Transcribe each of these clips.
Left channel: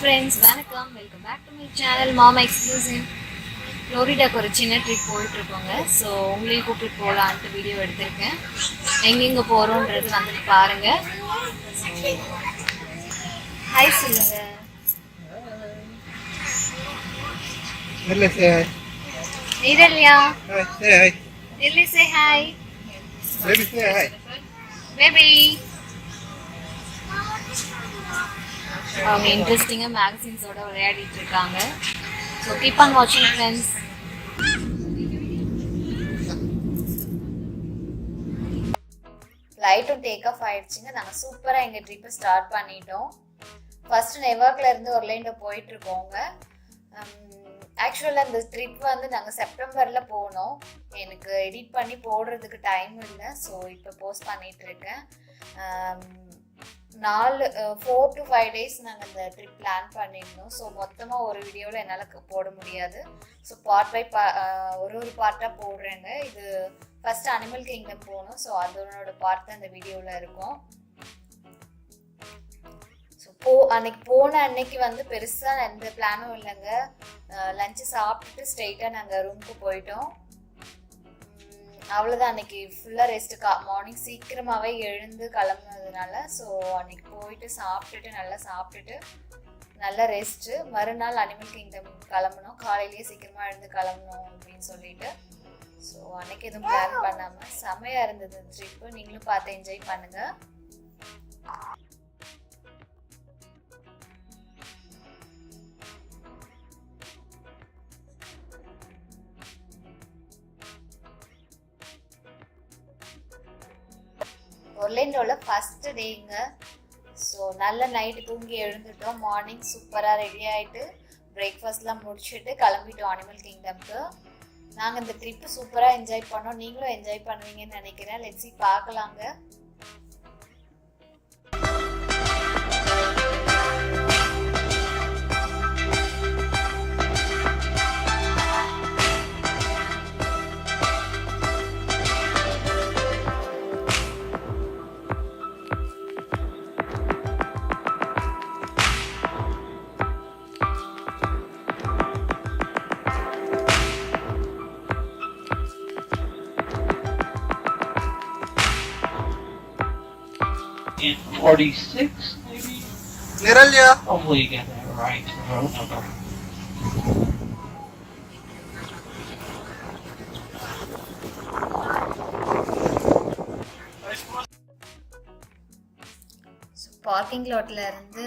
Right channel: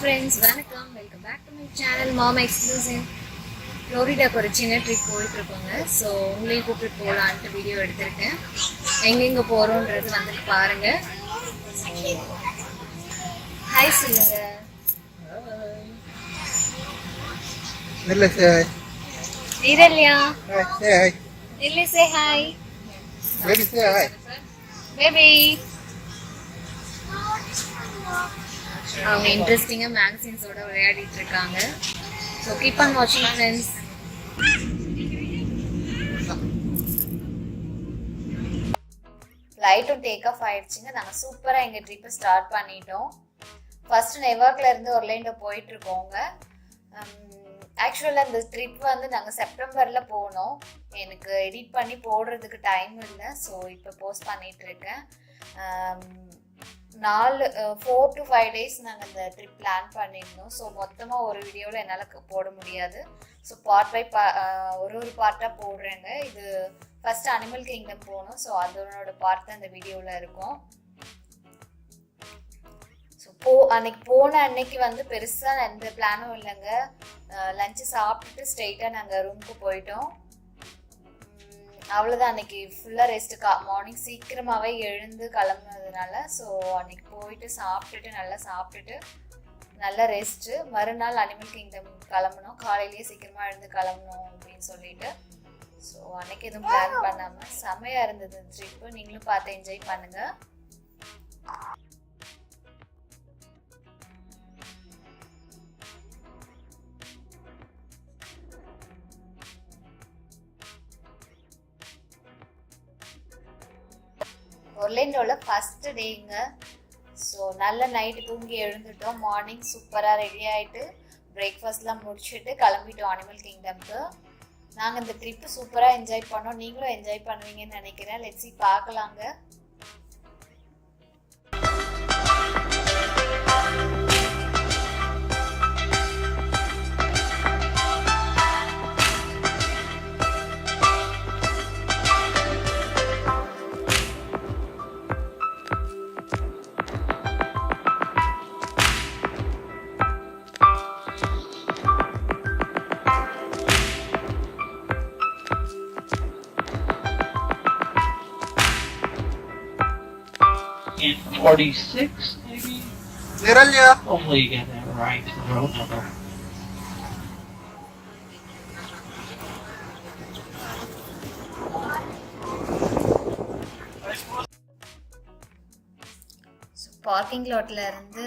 friends, welcome back to my channel Mom Exclusive. ஃப்ளோரிடாக்கு ஒரு சின்ன trip போயிட்டுருக்கோங்க. So உங்களையும் கூப்பிட்டு போகலான்ட்டு வீடியோ எடுத்திருக்கேன். எங்கெங்கே போகிறோன்றது வந்து பாருங்கள். ஹாய் சொல்லுங்க. நீரல்யா. நில்லி சே ஹாய். பேபி. அவங்க இன்ட்ரெஸ்டிங்காக மேகசின்ஸோட விளையாடிட்டு இருக்காங்க. ஸோ கீப் ஆன் வாட்சிங் ஃப்ரெண்ட்ஸ். ஃப்ளைட்டும் டேக் ஆஃப் ஆயிடுச்சுங்க. நாங்கள் சூப்பராக எங்கள் ட்ரிப்பை ஸ்டார்ட் பண்ணிட்டோம். ஃபர்ஸ்ட் நெவார்க்ல இருந்து ஒர்லேண்டோ போயிட்டு இருக்கோங்க. ஆக்சுவலாக இந்த ட்ரிப் வந்து நாங்கள் செப்டம்பரில் போனோம். எனக்கு எடிட் பண்ணி போடுறதுக்கு டைம் இல்லை. ஸோ இப்போ போஸ்ட் பண்ணிட்டு இருக்கேன். 4 to 5 days நாங்கள் இந்த ட்ரிப் பிளான் பண்ணியிருந்தோம். ஸோ மொத்தமாக ஒரு வீடியோவில் என்னால் போட முடியாது. ஸோ பார்ட் பை ஒரு பார்ட்டாக போடுறேங்க. இது ஃபர்ஸ்ட் அனிமல் கிங்டம் போகணும். ஸோ அதனோட பார்ட் தான் இந்த வீடியோவில் இருக்கும். ஸோ அன்னைக்கு போன அன்னைக்கு வந்து பெருசாக எந்த பிளானும் இல்லைங்க. லஞ்சு சாப்பிட்டுட்டு ஸ்ட்ரெயிட்டாக நாங்கள் ரூமுக்கு போயிட்டோம். அவ்வளோதான். அன்னைக்கு ஃபுல்லாக ரெஸ்ட்டு. மார்னிங் சீக்கிரமாகவே எழுந்து கிளம்புனதுனால ஸோ அன்னைக்கு போயிட்டு சாப்பிட்டுட்டு நல்லா ரெஸ்ட்டு. மறுநாள் அனிமல் கிங்டம் கிளம்பணும். காலையிலேயே சீக்கிரமாக எழுந்து கிளம்பணும் அப்படின்னு சொல்லிட்டு ஸோ அன்னைக்கு எதுவும் பிளான் பண்ணாமல் செமையாக இருந்தது ட்ரிப்பு. நீங்களும் பார்த்து என்ஜாய் பண்ணுங்கள். ஒர்லேண்டோவில் ஃபஸ்ட்டு டேங்க. ஸோ நல்ல நைட்டு தூங்கி எழுந்துட்டோம். மார்னிங் சூப்பராக ரெடி ஆகிட்டு பிரேக்ஃபாஸ்ட்லாம் முடிச்சுட்டு கிளம்பிட்டோம் அனிமல் கிங்டம்க்கு. நாங்கள் இந்த ட்ரிப்பு சூப்பராக என்ஜாய் பண்ணோம். நீங்களும் என்ஜாய் பண்ணுவீங்கன்னு நினைக்கிறேன். லெட்ஸி பார்க்கலாங்க. In 46, maybe? Niralya. Hopefully you get that right. Road number. So parking லாட்டில் இருந்து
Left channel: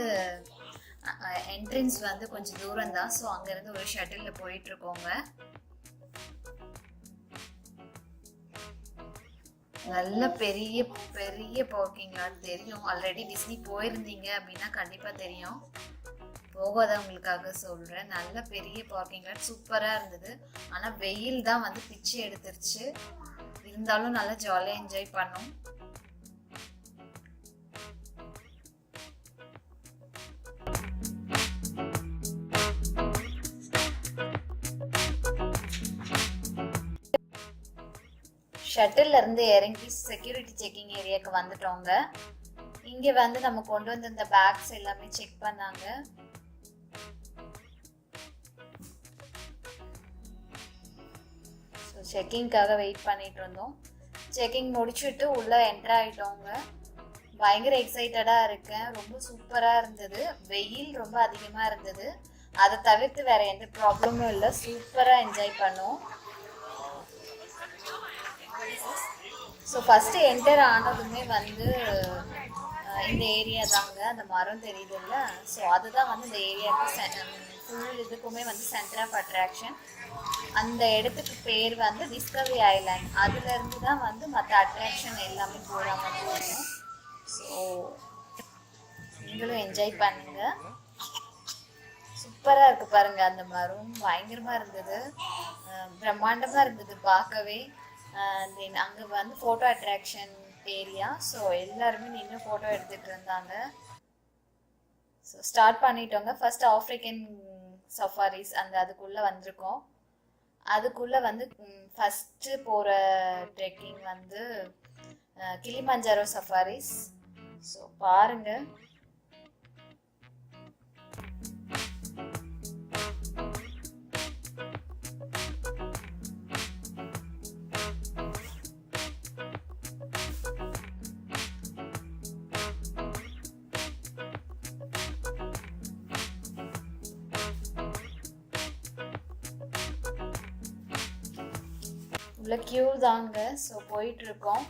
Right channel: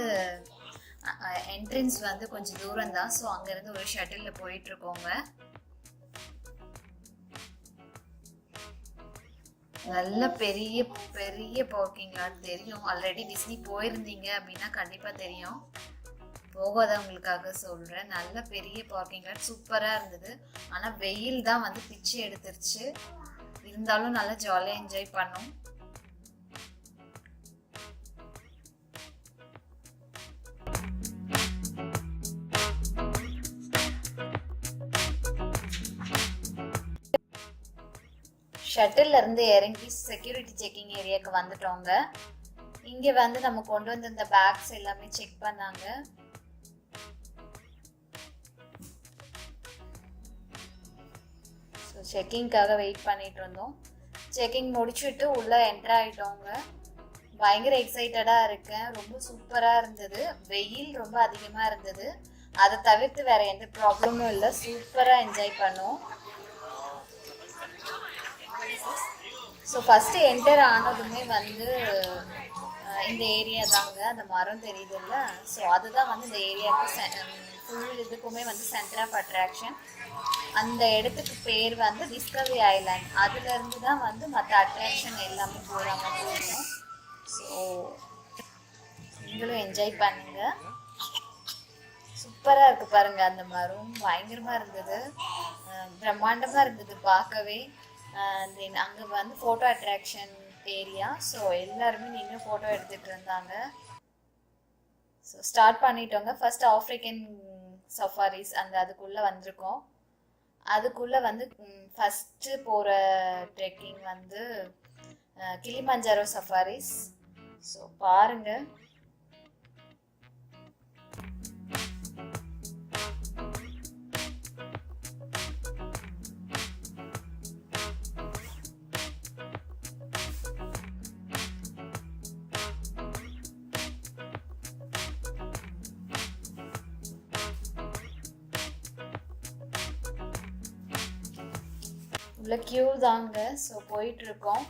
என்ட்ரன்ஸ் வந்து கொஞ்சம் தூரம் தான். ஸோ அங்கேருந்து ஒரு ஷட்டிலில் போயிட்டுருக்கோங்க. நல்ல பெரிய பெரிய பார்க்கிங் லாட் தெரியும். ஆல்ரெடி டிஸ்னி போயிருந்தீங்க அப்படின்னா கண்டிப்பாக தெரியும். போகாதவங்களுக்காக சொல்கிறேன். நல்ல பெரிய பார்க்கிங் லாட் சூப்பராக இருந்தது. ஆனால் வெயில் தான் வந்து பிச்சு எடுத்துருச்சு. இருந்தாலும் நல்லா ஜாலியாக என்ஜாய் பண்ணோம். ஷட்டில் இருந்து இறங்கி செக்யூரிட்டி செக்கிங் ஏரியாவுக்கு வந்துட்டோங்க. இங்கே வந்து நம்ம கொண்டு வந்த இந்த பேக்ஸ் எல்லாமே செக் பண்ணாங்க. ஸோ செக்கிங்காக வெயிட் பண்ணிட்டு இருந்தோம். செக்கிங் முடிச்சுட்டு உள்ளே என்ட்ரு ஆகிட்டோங்க. பயங்கர எக்ஸைட்டடாக இருக்கேன். ரொம்ப சூப்பராக இருந்தது. வெயில் ரொம்ப அதிகமாக இருந்தது. அதை தவிர்த்து வேற எந்த ப்ராப்ளமும் இல்லை. சூப்பராக என்ஜாய் பண்ணோம். ஸோ ஃபஸ்ட்டு என்டர் ஆனதுமே வந்து இந்த ஏரியா தாங்க. அந்த மரம் தெரியுது இல்லை? ஸோ அதுதான் வந்து இந்த ஏரியாவுக்கு ஃபுல் இதுக்குமே வந்து சென்டர் ஆஃப் அட்ராக்ஷன். அந்த இடத்துக்கு பேர் வந்து டிஸ்கவரி ஐலாண்ட். அதுலேருந்து தான் வந்து மற்ற அட்ராக்ஷன் எல்லாமே போகிற மாதிரி இருக்கும். ஸோ நீங்களும் என்ஜாய் பண்ணுங்க. சூப்பராக இருக்குது பாருங்கள். அந்த மரம் பயங்கரமாக இருந்தது. பிரம்மாண்டமாக இருந்தது பார்க்கவே. தென் அங்கே வந்து ஃபோட்டோ அட்ராக்ஷன் ஏரியா. ஸோ எல்லாருமே நின்று ஃபோட்டோ எடுத்துகிட்டு இருந்தாங்க. ஸோ ஸ்டார்ட் பண்ணிட்டோங்க. ஃபர்ஸ்ட் ஆஃப்ரிக்கன் சஃபாரிஸ் அதுக்குள்ளே வந்திருக்கோம். அதுக்குள்ளே வந்து ஃபஸ்ட்டு போகிற ட்ரெக்கிங் வந்து கிளிமஞ்சாரோ சஃபாரிஸ். ஸோ பாருங்கள். உள்ள கியூ தாங்க. ஸோ போயிட்டு இருக்கோம்.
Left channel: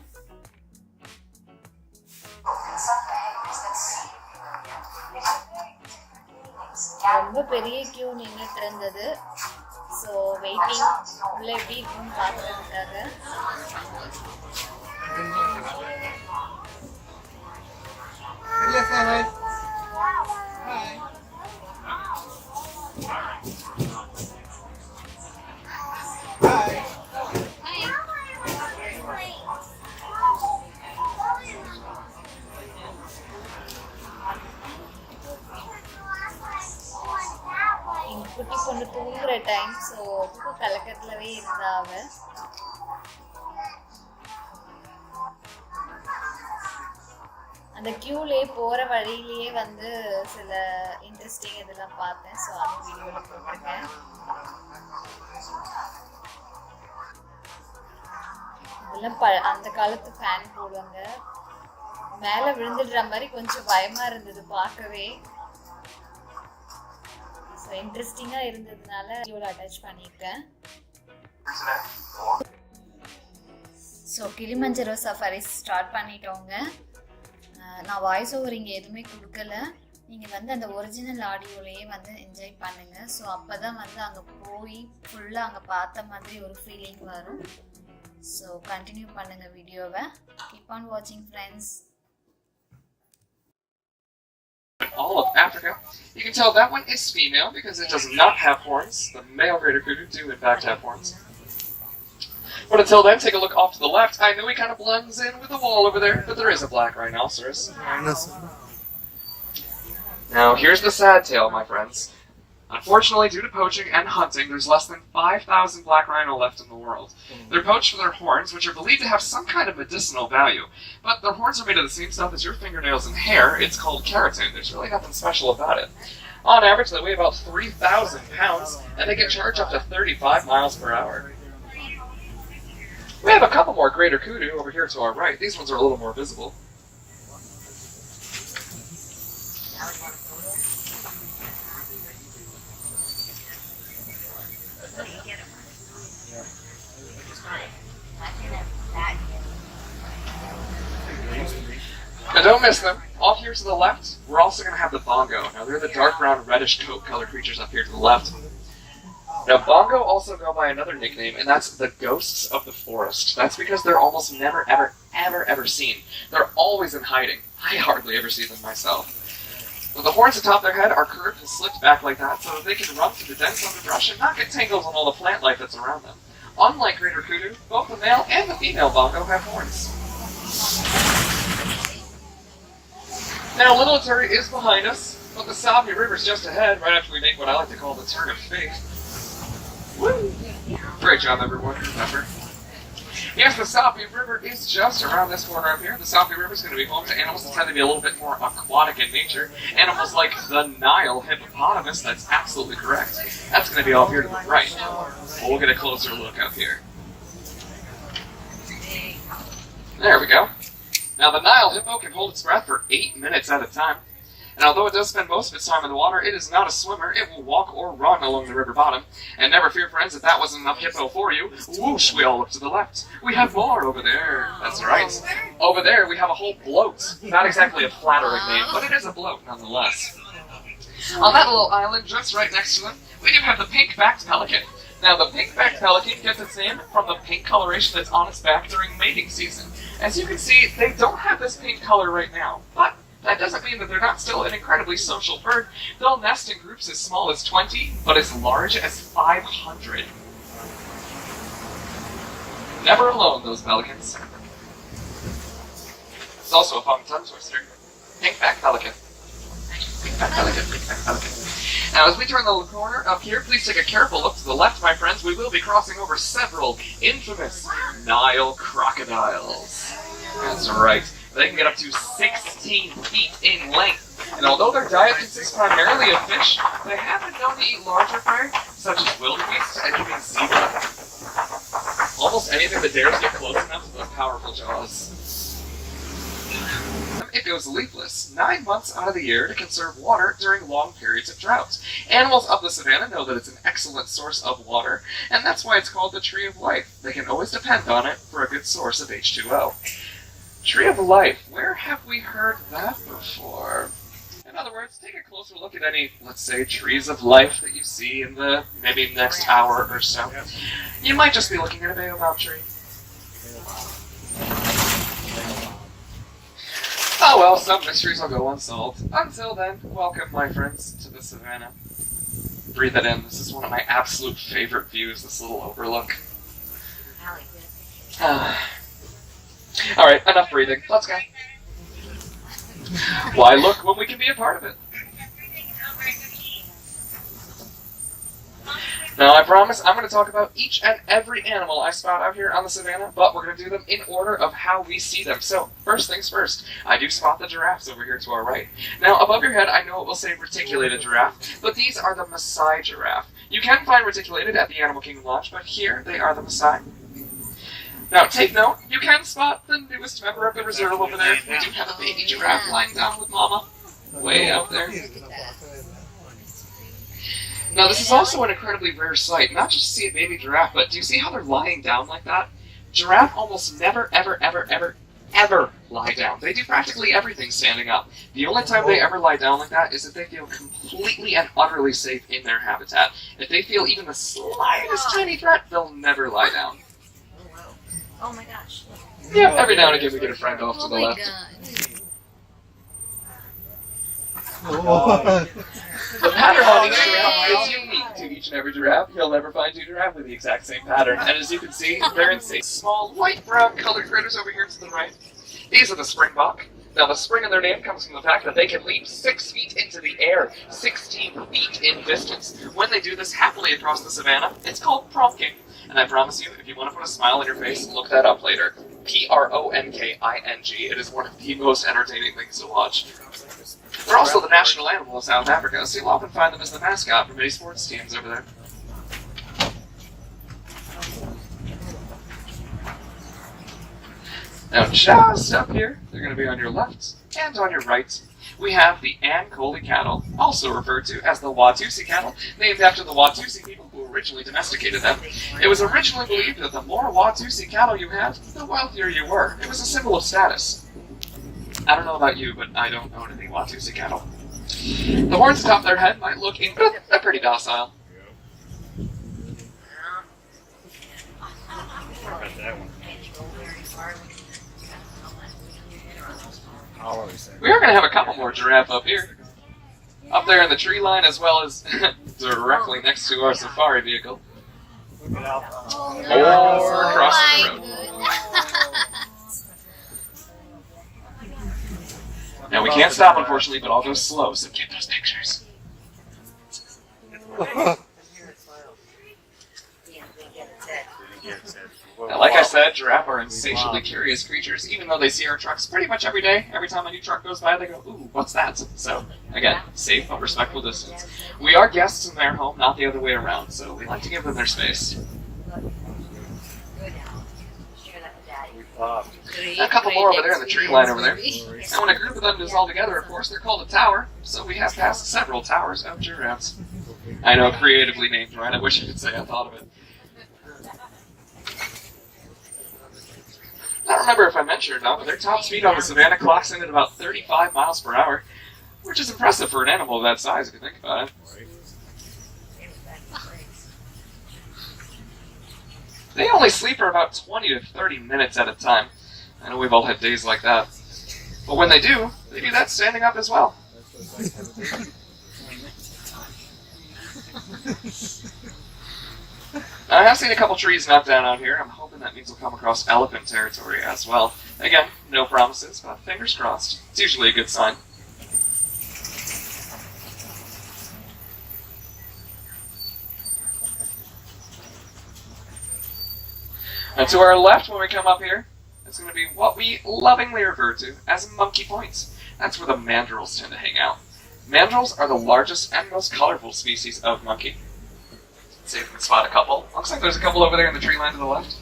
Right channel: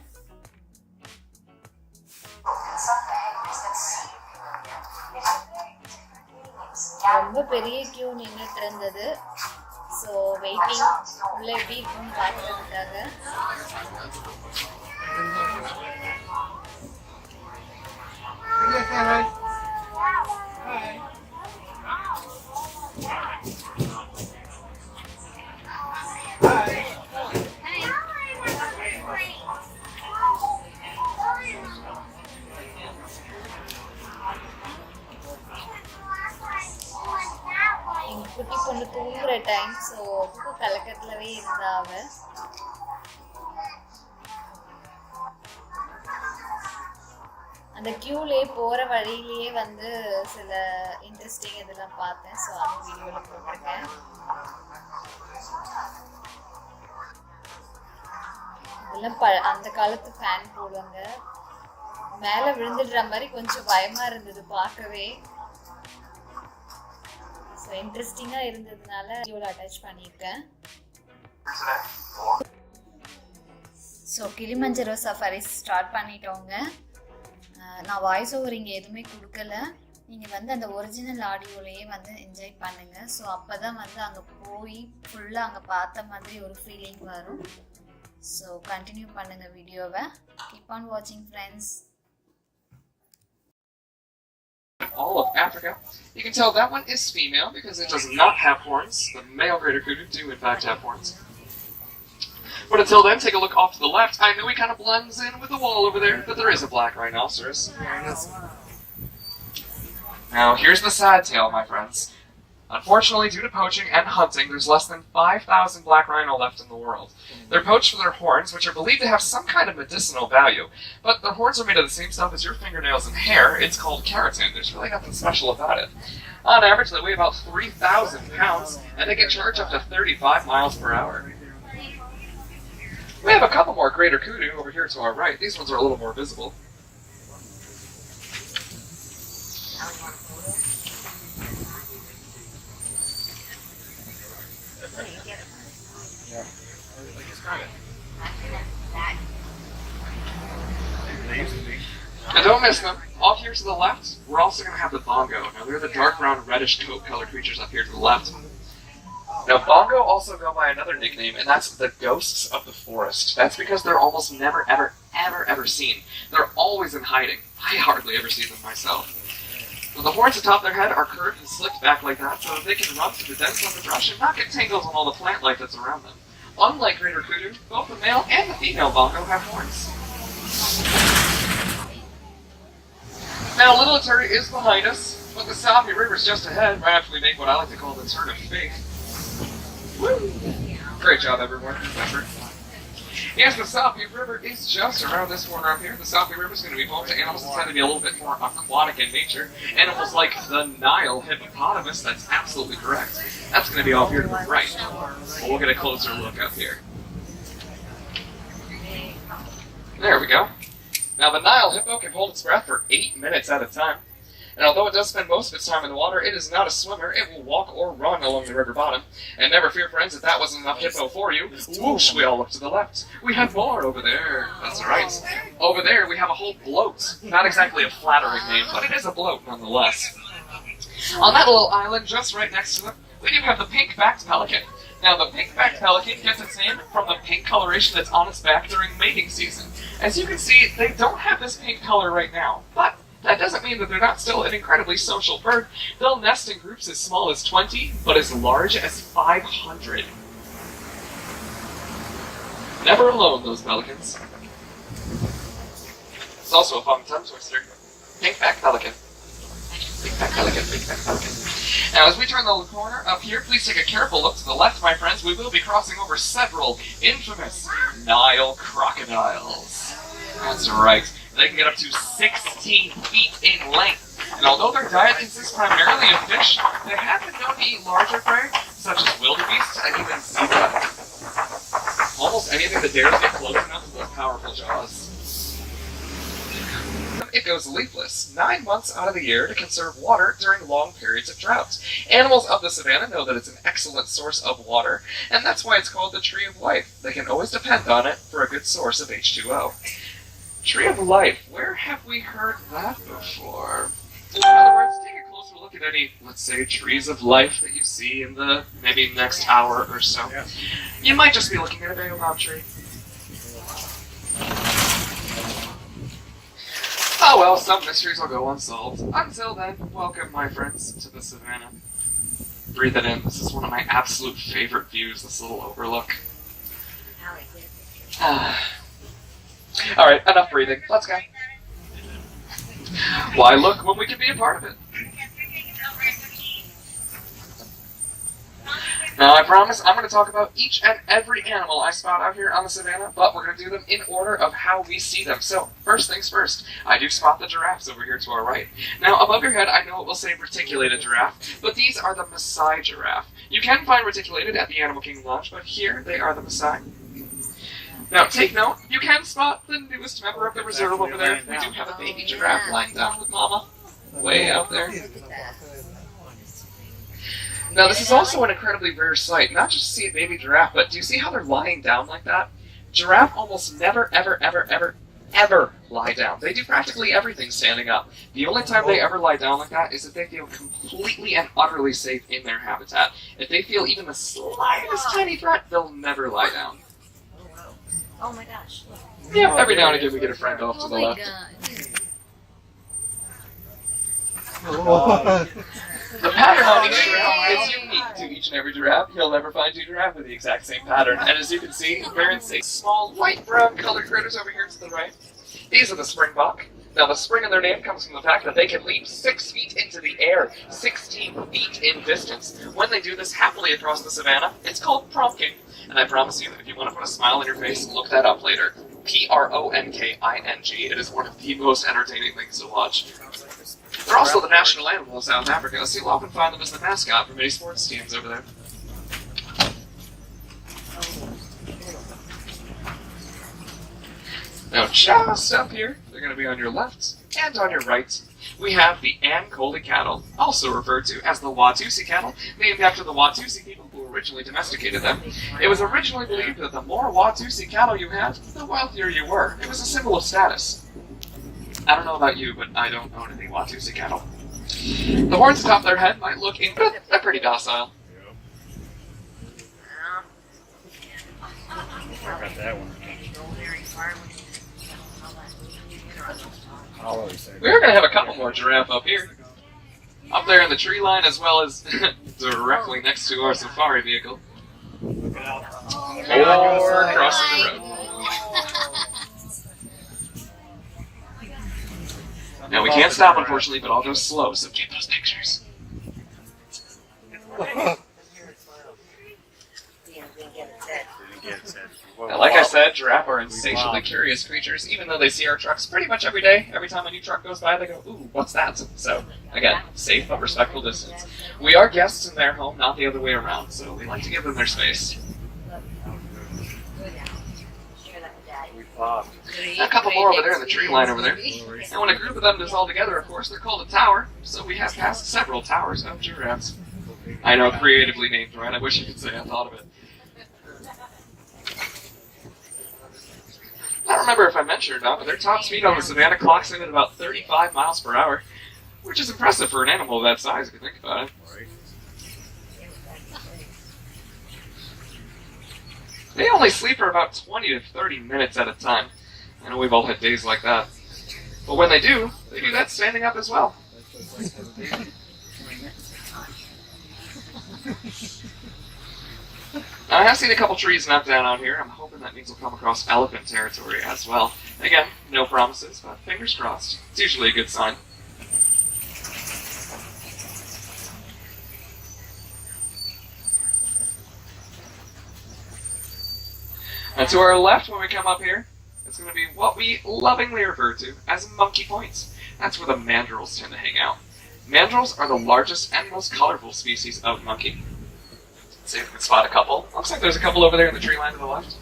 ரொம்ப பெரிய கியூ நின்றுட்டு இருந்தது. ஸோ வெயிட்டிங் உள்ள எப்படி இருக்குன்னு பார்க்கறதுக்காக. எங்க குட்டி பொண்ணு தூங்குற டைம். ஸோ கலக்கத்துலவே இருந்தா அவ. அந்த கியூலே போற வழியிலேயே வந்து சில இன்ட்ரெஸ்டிங் இதெல்லாம் பார்த்தேன். ஸோ அந்த வீடியோவில் போட்டிருக்கேன். இதெல்லாம் அந்த காலத்து ஃபேன் போடுவாங்க. மேலே விழுந்துடுற மாதிரி கொஞ்சம் பயமா இருந்தது பார்க்கவே. ஸோ இன்ட்ரெஸ்டிங்காக இருந்ததுனால வீடியோவில் அட்டாச் பண்ணியிருக்கேன். ஸோ கிளிமஞ்சரோ சஃபாரிஸ் ஸ்டார்ட் பண்ணிட்டோங்க. நான் வாய்ஸ் ஓவர் இங்கே எதுவுமே கொடுக்கல. நீங்கள் வந்து அந்த ஒரிஜினல் ஆடியோலேயே வந்து என்ஜாய் பண்ணுங்கள். ஸோ அப்போ தான் வந்து அங்கே போய் ஃபுல்லாக அங்கே பார்த்த மாதிரி ஒரு ஃபீலிங் வரும். ஸோ கண்டினியூ பண்ணுங்கள் வீடியோவை. கீப் ஆன் வாட்சிங் friends. All of Africa. You can tell that one is female because it does not have horns. The male greater kudu do in fact have horns. But until then, take a look off to the left. I know he kind of blends in with the wall over there, but there is a black rhinoceros. Now, here's the sad tale, my friends. Unfortunately, due to poaching and hunting, there's less than 5,000 black rhino left in the world. They're poached for their horns, which are believed to have some kind of medicinal value. But their horns are made of the same stuff as your fingernails and hair. It's called keratin. There's really nothing special about it. On average, they weigh about 3,000 pounds, and they can charge up to 35 miles per hour. We have a couple more greater kudu over here to our right. These ones are a little more visible. And don't miss them. Off here to the left, we're also going to have the bongo. Now, they're the dark brown, reddish coat colored creatures up here to the left. Now, bongo also go by another nickname, and that's the ghosts of the forest. That's because they're almost never, ever seen. They're always in hiding. I hardly ever see them myself. But the horns atop their head are curved and slicked back like that so that they can run through the dense underbrush and not get tangled in all the plant life that's around them. Unlike greater kudu, both the male and the female bongo have horns. Now, Little Turtle is behind us, but the Salvi River is just ahead, right after we make what I like to call the turn of fate. Woo! Great job, everyone. Remember. Yes, the Salvi River is just around this corner up here. The Salvi River is going to be home to animals that tend to be a little bit more aquatic in nature. Animals like the Nile hippopotamus, that's absolutely correct. That's going to be off here to the right. But we'll get a closer look up here. There we go. Now, the Nile hippo can hold its breath for 8 minutes at a time. And although it does spend most of its time in the water, it is not a swimmer. It will walk or run along the river bottom. And never fear, friends, if that wasn't enough hippo for you. Whoosh, we all look to the left. We have more over there. That's right. Over there, we have a whole bloat. Not exactly a flattering name, but it is a bloat nonetheless. On that little island just right next to them, we do have the pink-backed pelican. Now, the pink-backed pelican gets its name from the pink coloration that's on its back during mating season. As you can see, they don't have this pink color right now, but that doesn't mean that they're not still an incredibly social bird. They'll nest in groups as small as 20, but as large as 500. Never alone, those pelicans. It's also a fun tongue twister. Pink-backed pelican. Pink-backed pelican, pink-backed pelican. Now, as we turn the corner up here, please take a careful look to the left, my friends. We will be crossing over several infamous Nile crocodiles. That's right. They can get up to 16 feet in length. And although their diet consists primarily of fish, they have been known to eat larger prey, such as wildebeest and even zebra. Almost anything that dares get close enough to those powerful jaws. it goes leafless 9 months out of the year to conserve water during long periods of drought. Animals of the savanna know that it's an excellent source of water, and that's why it's called the tree of life. They can always depend on it for a good source of H2O. Tree of life, where have we heard that before? In other words, take a closer look at any, let's say, trees of life that you see in the maybe next hour or so. You might just be looking at a baobab tree. Oh well, some mysteries will go unsolved. Until then, welcome, my friends, to the savannah. Breathe it in. This is one of my absolute favorite views, this little overlook. Alright, enough breathing. Let's go. Why look when we can be a part of it? Now, I promise I'm going to talk about each and every animal I spot out here on the savannah, but we're going to do them in order of how we see them. So, first things first, I do spot the giraffes over here to our right. Now, above your head, I know it will say reticulated giraffe, but these are the Maasai giraffe. You can find reticulated at the Animal Kingdom Lodge, but here they are the Maasai. Now, take note, you can spot the newest member of the reserve over there. We do have a baby giraffe lying down with Mama, way out there. Now, this is also an incredibly rare sight, not just to see a baby giraffe, but do you see how they're lying down like that? Giraffe almost never, ever lie down. They do practically everything standing up. The only time they ever lie down like that is if they feel completely and utterly safe in their habitat. If they feel even the slightest tiny threat, they'll never lie down. Oh my gosh. Yeah, every now and again we get a friend off to the left. The pattern on each giraffe is unique to each and every giraffe. You'll never find two giraffes with the exact same pattern. And as you can see, very safe, small, light brown colored critters over here to the right. These are the springbok. Now, the spring in their name comes from the fact that they can leap 6 feet into the air, 16 feet in distance. When they do this happily across the savannah, it's called pronking. And I promise you, if you want to put a smile on your face, look that up later. Pronking. It is one of the most entertaining things to watch. They're also the national animal of South Africa, so you'll often find them as the mascot for many sports teams over there. Now, just up here, they're going to be on your left and on your right. We have the Ankole cattle, also referred to as the Watusi cattle, named after the Watusi people who originally domesticated them. It was originally believed that the more Watusi cattle you had, the wealthier you were. It was a symbol of status. I don't know about you, but I don't own any Watusi cattle. The horns atop their head might look they're pretty docile. Got that one. We are going to have a couple more giraffe up here. Up there in the tree line, as well as directly next to our safari vehicle. Or crossing the road. Now, we can't stop, unfortunately, but I'll go slow, so get those pictures. Now, like I said, giraffe are insatiably curious creatures, even though they see our trucks pretty much every day. Every time a new truck goes by, they go, ooh, what's that? So, again, safe but respectful distance. We are guests in their home, not the other way around, so we like to give them their space. A couple more over there in the tree line over there. And when a group of them is all together, of course, they're called a tower, so we have passed several towers of giraffes. I know, creatively named, right? I wish I could say I thought of it. I don't remember if I mentioned it or not, but their top speed on the savannah clocks in at about 35 miles per hour, which is impressive for an animal of that size, if you think about it. They only sleep for about 20 to 30 minutes at a time. I know we've all had days like that. But when they do that standing up as well. I have seen a couple trees knocked down out here. I'm hoping that means we'll come across elephant territory as well. Again, no promises, but fingers crossed. It's usually a good sign. Now to our left, when we come up here, it's going to be what we lovingly refer to as monkey points. That's where the mandrills tend to hang out. Mandrills are the largest and most colorful species of monkey. Let's see if we can spot a couple. Looks like there's a couple over there in the tree line to the left.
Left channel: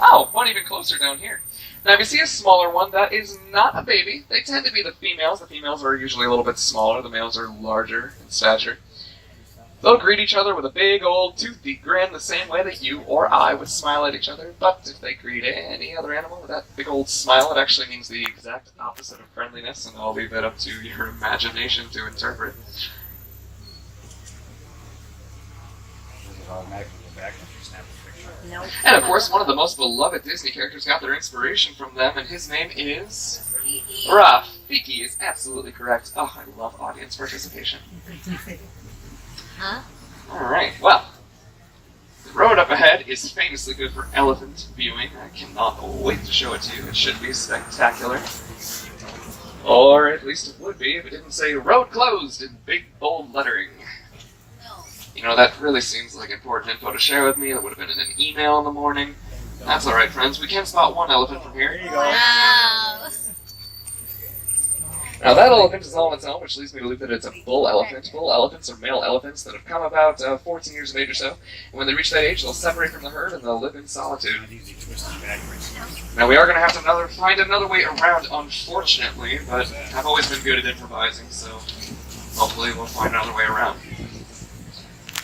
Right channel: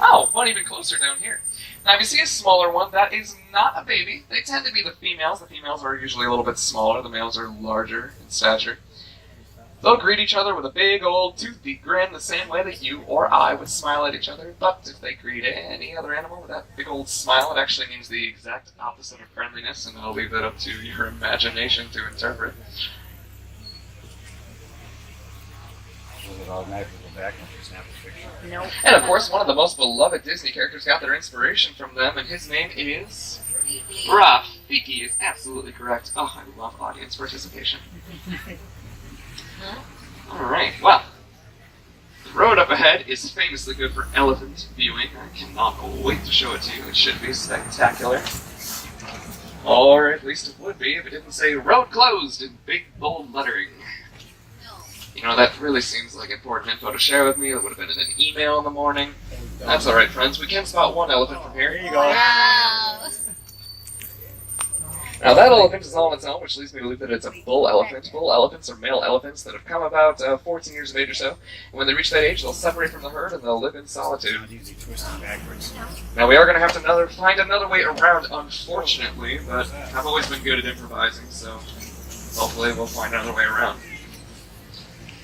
Oh, one even closer down here. Now, if you see a smaller one, that is not a baby. They tend to be the females. The females are usually a little bit smaller. The males are larger in stature. They'll greet each other with a big old toothy grin the same way that you or I would smile at each other. But if they greet any other animal with that big old smile, it actually means the exact opposite of friendliness, and I'll leave it up to your imagination to interpret. Nope. And of course, one of the most beloved Disney characters got their inspiration from them, and his name is Rafiki. Is absolutely correct. Oh, I love audience participation. Huh? Alright, well, the road up ahead is famously good for elephant viewing. I cannot wait to show it to you. It should be spectacular. Or at least it would be if it didn't say road closed in big bold lettering. You know, that really seems like important info to share with me. It would have been in an email in the morning. That's alright, friends. We can spot one elephant from here. There you go. Wow. Now that elephant is all on its own, which leads me to believe that it's a bull elephant. Bull elephants are male elephants that have come about 14 years of age or so. And when they reach that age, they'll separate from the herd and they'll live in solitude. Now we are going to have to find another way around, unfortunately, but I've always been good at improvising, so hopefully we'll find another way around.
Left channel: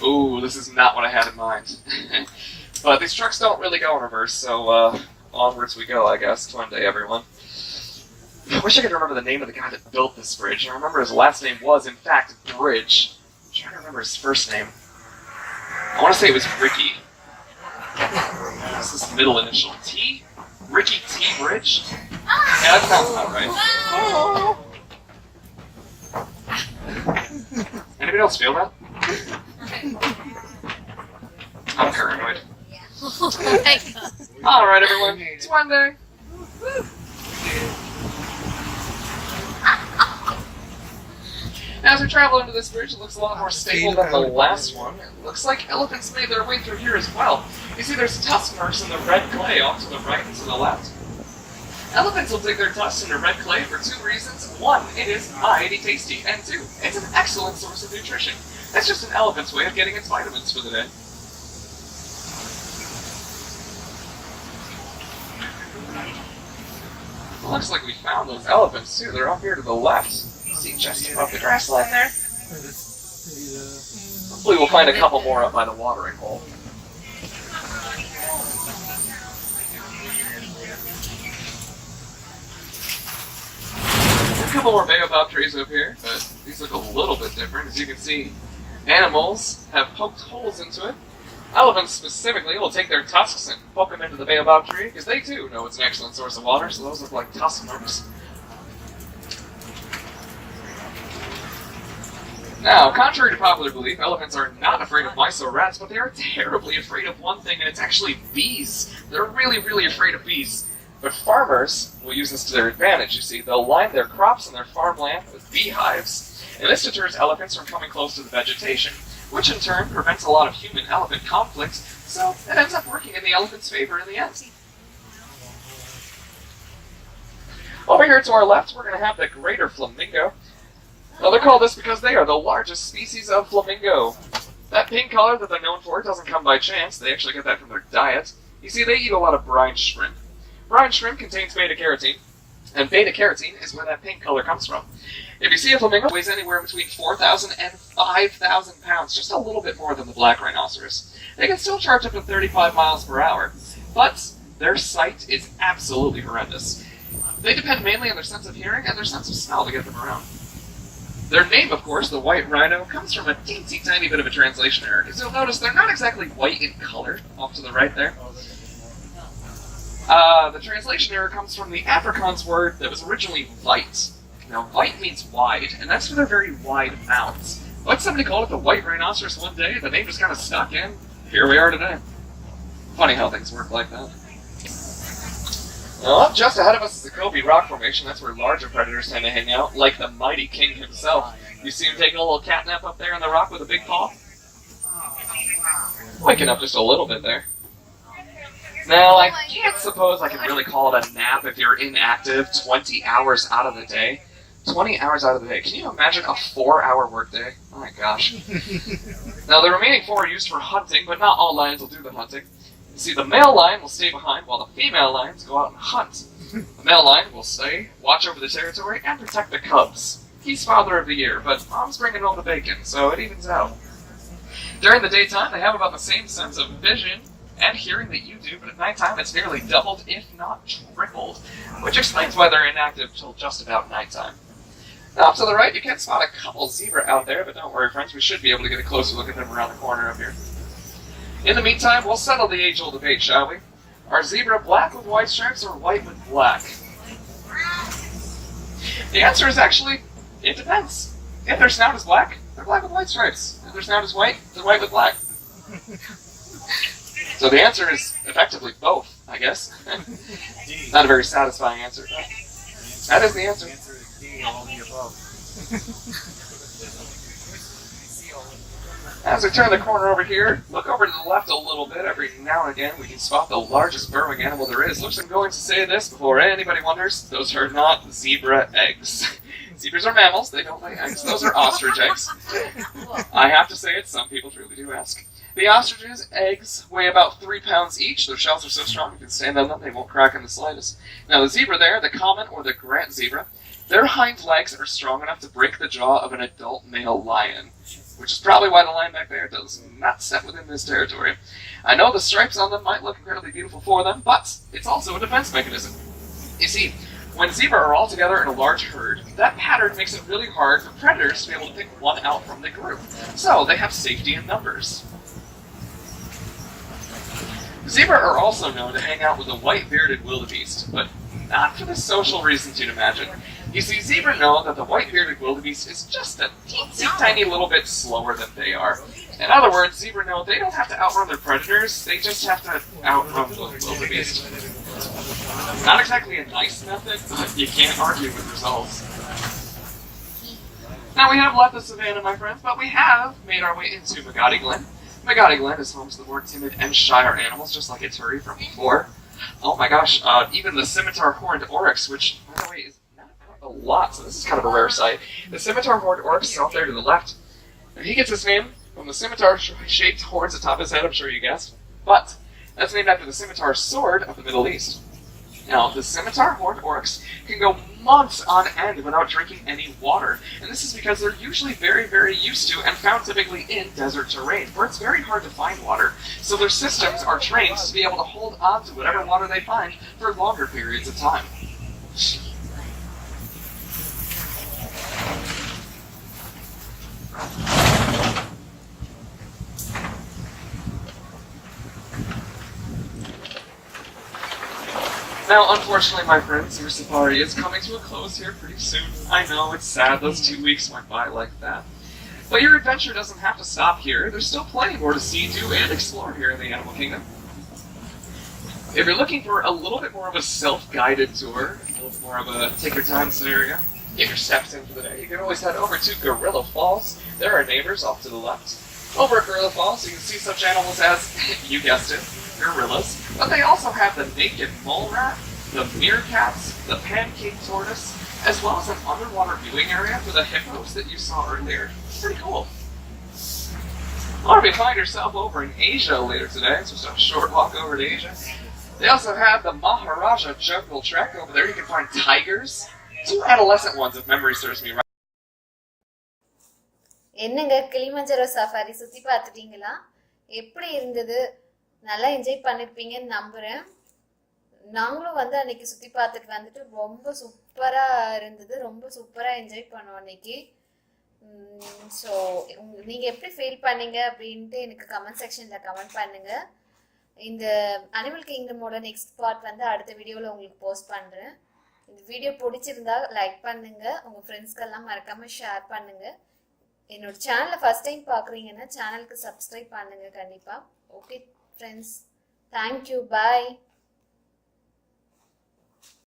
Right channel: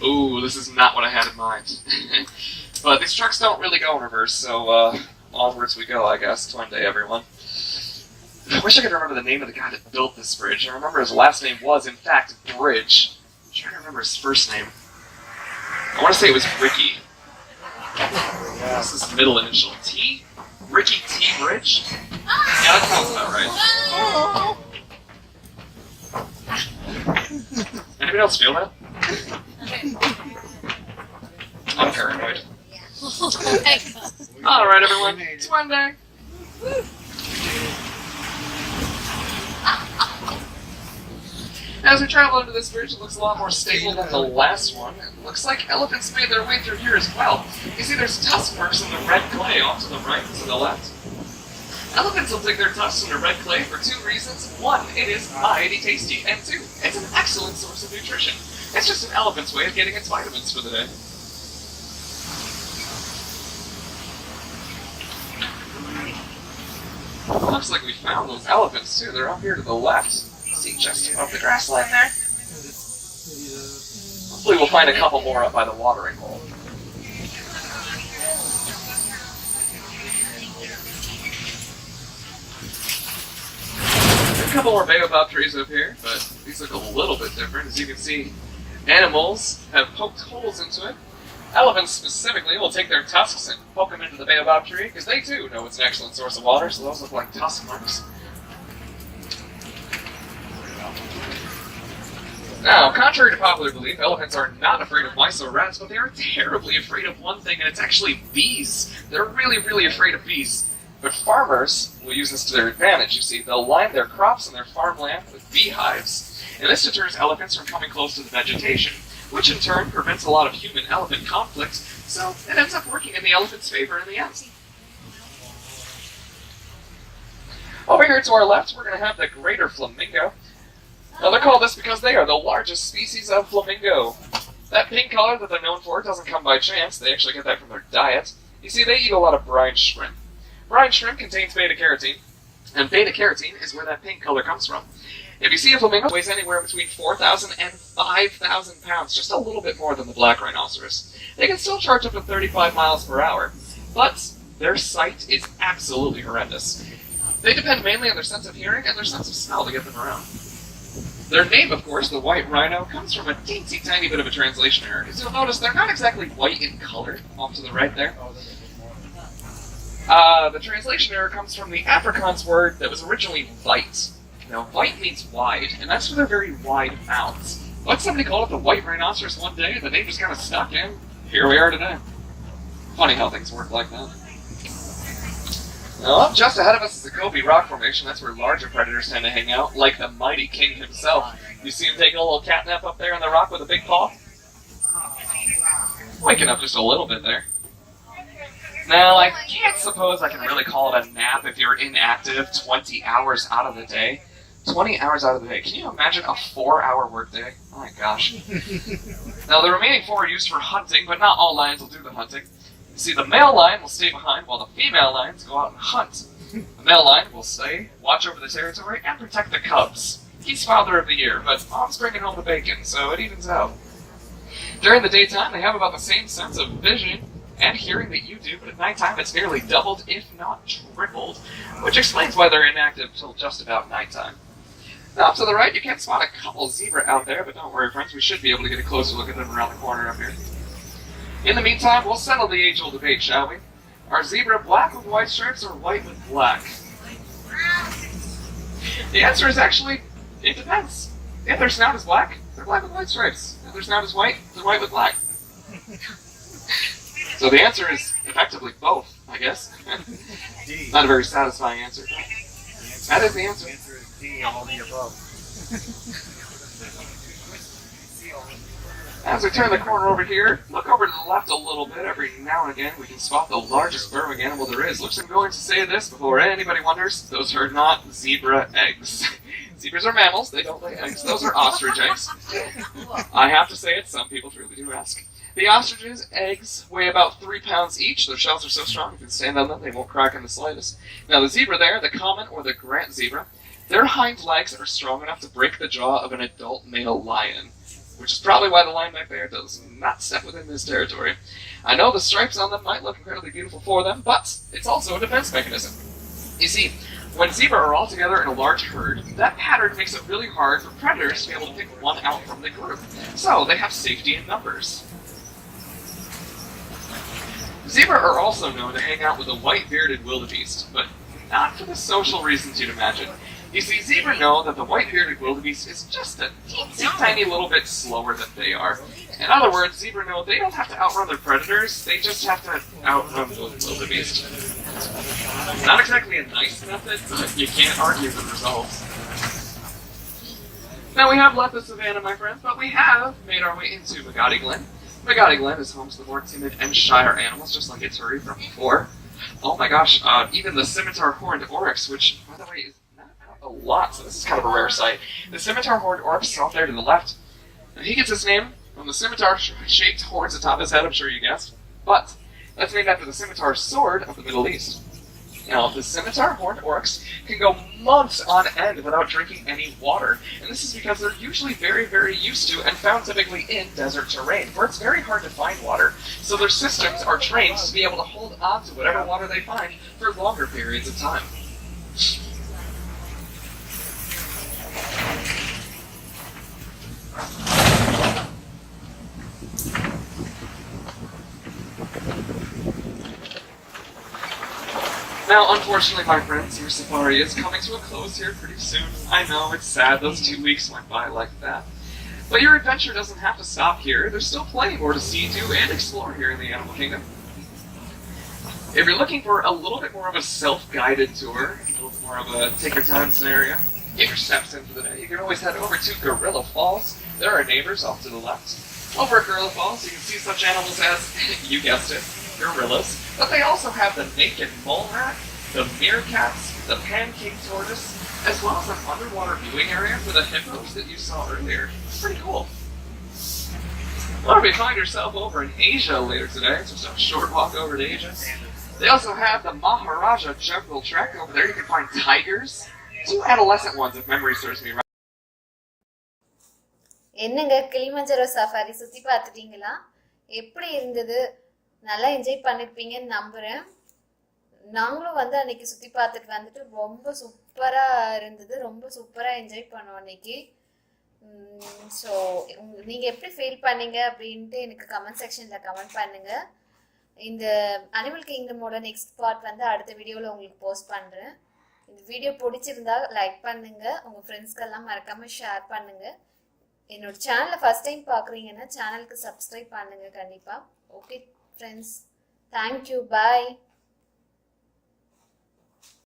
Ooh, this is not what I had in mind. But these trucks don't really go in reverse, so onwards we go, I guess. Twin day, everyone. I wish I could remember the name of the guy that built this bridge. I remember his last name was, in fact, Bridge. I'm trying to remember his first name. I want to say it was Ricky. What's his middle initial? T? Ricky T. Bridge? Yeah, that sounds about right. Anybody else feel that? I'm paranoid. Oh my god. Alright, everyone. It's one day. As we travel into this bridge, it looks a lot more stable than the last one. It looks like elephants made their way through here as well. You see there's tusk marks in the red clay off to the right and to the left. Elephants will dig their tusks into red clay for two reasons. One, it is mighty tasty, and two, it's an excellent source of nutrition. It's just an elephant's way of getting its vitamins for the day. Looks like we found those elephants too. They're up here to the left. See, just above the grass line there. Hopefully we'll find a couple more up by the watering hole. A couple more baobab trees up here, but these look a little bit different. As you can see, animals have poked holes into it. Elephants specifically will take their tusks and poke them into the baobab tree, because they too know it's an excellent source of water, so those look like tusk marks. Now, contrary to popular belief, elephants are not afraid of mice or rats, but they are terribly afraid of one thing, and it's actually bees. They're really, really afraid of bees. But farmers will use this to their advantage, you see. They'll line their crops and their farmland with beehives, and this deters elephants from coming close to the vegetation, which in turn prevents a lot of human-elephant conflict, so it ends up working in the elephant's favor in the end. Over here to our left, we're going to have the greater flamingo. Now they call this because they are the largest species of flamingo. That pink color that they're known for doesn't come by chance. They actually get that from their diet. You see, they eat a lot of brine shrimp. Brine shrimp contains beta-carotene, and beta-carotene is where that pink color comes from. If you see a flamingo, it weighs anywhere between 4,000 and 5,000 pounds, just a little bit more than the black rhinoceros. They can still charge up to 35 miles per hour, but their sight is absolutely horrendous. They depend mainly on their sense of hearing and their sense of smell to get them around. Their name, of course, the white rhino, comes from a teensy tiny bit of a translation error, because you'll notice they're not exactly white in color, off to the right there. The translation error comes from the Afrikaans word that was originally vite. Now, vite means wide, and that's for their very wide mouths. But somebody called it the white rhinoceros one day, and the name just kind of stuck in. Here we are today. Funny how things work like that. Now, up just ahead of us is the Gobi Rock Formation. That's where larger predators tend to hang out, like the mighty king himself. You see him taking a little catnap up there on the rock with a big paw? Waking up just a little bit there. Now, I can't suppose I can really call it a nap if you're inactive 20 hours out of the day. 20 hours out of the day. Can you imagine a 4-hour workday? Oh my gosh. Now, the remaining 4 are used for hunting, but not all lions will do the hunting. You see, the male lion will stay behind while the female lions go out and hunt. The male lion will stay, watch over the territory, and protect the cubs. He's father of the year, but mom's bringing home the bacon, so it evens out. During the daytime, they have about the same sense of vision and hearing that you do, but at nighttime it's nearly doubled, if not tripled, which explains why they're inactive till just about nighttime. Now, to the right, you can spot a couple zebra out there, but don't worry, friends, we should be able to get a closer look at them around the corner up here. In the meantime, we'll settle the age-old debate, shall we? Are zebra black with white stripes or white with black? The answer is actually, it depends. If their snout is black, they're black with white stripes. If their snout is white, they're white with black. So the answer is effectively both, I guess. Not a very satisfying answer. That is the answer. The answer is D, all the above. As we turn the corner over here, look over to the left a little bit. Every now and again, we can spot the largest burrowing animal there is. Looks, I'm going to say this before anybody wonders. Those are not zebra eggs. Zebras are mammals. They don't lay eggs. Those are ostrich eggs. I have to say it. Some people truly do ask. The ostriches' eggs weigh about 3 pounds each. Their shells are so strong you can stand on them. They won't crack in the slightest. Now, the zebra there, the common or the Grant zebra, their hind legs are strong enough to break the jaw of an adult male lion, which is probably why the lion back there does not step within this territory. I know the stripes on them might look incredibly beautiful for them, but it's also a defense mechanism. You see, when zebra are all together in a large herd, that pattern makes it really hard for predators to be able to pick one out from the group. So they have safety in numbers. Zebra are also known to hang out with a white-bearded wildebeest, but not for the social reasons you'd imagine. You see, zebra know that the white-bearded wildebeest is just a teensy tiny little bit slower than they are. In other words, zebra know they don't have to outrun their predators, they just have to outrun the wildebeest. Not exactly a nice method, but you can't argue with results. Now we have left the savannah, my friends, but we have made our way into Magadi Glen. Magadi Glen is home to the more timid and shyer animals, just like Ituri from before. Oh my gosh, even the scimitar horned oryx, which, by the way, is not a lot, so this is kind of a rare sight. The scimitar horned oryx is off there to the left, and he gets his name from the scimitar-shaped horns atop his head, I'm sure you guessed. But that's named after the scimitar sword of the Middle East. Now, the scimitar horned oryx can go months on end without drinking any water, and this is because they're usually very, very used to and found typically in desert terrain, where it's very hard to find water. So their systems are trained to be able to hold on to whatever water they find for longer periods of time. Now, unfortunately, my friends, your safari is coming to a close here pretty soon. I know, it's sad those 2 weeks went by like that. But your adventure doesn't have to stop here. There's still plenty more to see, do, and explore here in the Animal Kingdom. If you're looking for a little bit more of a self-guided tour, a little bit more of a take-your-time scenario, get your steps in for the day, you can always head over to Gorilla Falls. There are neighbors off to the left. Over at Gorilla Falls, you can see such animals as, you guessed it, gorillas. But they also have the naked mole rat, the meerkats, the pancake tortoise, as well as an underwater viewing area for the hippos that you saw earlier. It's pretty cool. Or if you find yourself over in Asia later today, just a short walk over to Asia, they also have the Maharaja Jungle Trek. Over there you can find tigers, 2 adolescent ones if memory serves me right. என்னங்க Kilimanjaro safari சுத்தி பார்த்துட்டீங்களா? எப்படி இருந்தது? நல்லா enjoy பண்ணிருப்பீங்கன்னு நம்புறேன். நாங்களும் வந்து அன்னைக்கு சுத்தி பார்த்துட்டு வந்துட்டு ரொம்ப சூப்பரா இருந்தது. ரொம்ப சூப்பரா என்ஜாய் பண்ணோம் அன்னைக்கு. ஸோ நீங்க எப்படி ஃபீல் பண்ணீங்க அப்படின்ட்டு எனக்கு கமெண்ட் செக்ஷன்ல கமெண்ட் பண்ணுங்க. இந்த அனிமல் கிங்டமோட நெக்ஸ்ட் பார்ட் வந்து அடுத்த வீடியோவில் உங்களுக்கு போஸ்ட் பண்ணுறேன். இந்த வீடியோ பிடிச்சிருந்தா லைக் பண்ணுங்க, உங்கள் ஃப்ரெண்ட்ஸ்க்கெல்லாம் மறக்காமல் ஷேர் பண்ணுங்க. என்னோட சேனலை ஃபர்ஸ்ட் டைம் பார்க்குறீங்கன்னா சேனலுக்கு சப்ஸ்கிரைப் பண்ணுங்க கண்டிப்பாக. ஓகே ஃப்ரெண்ட்ஸ், தேங்க்யூ, பாய்.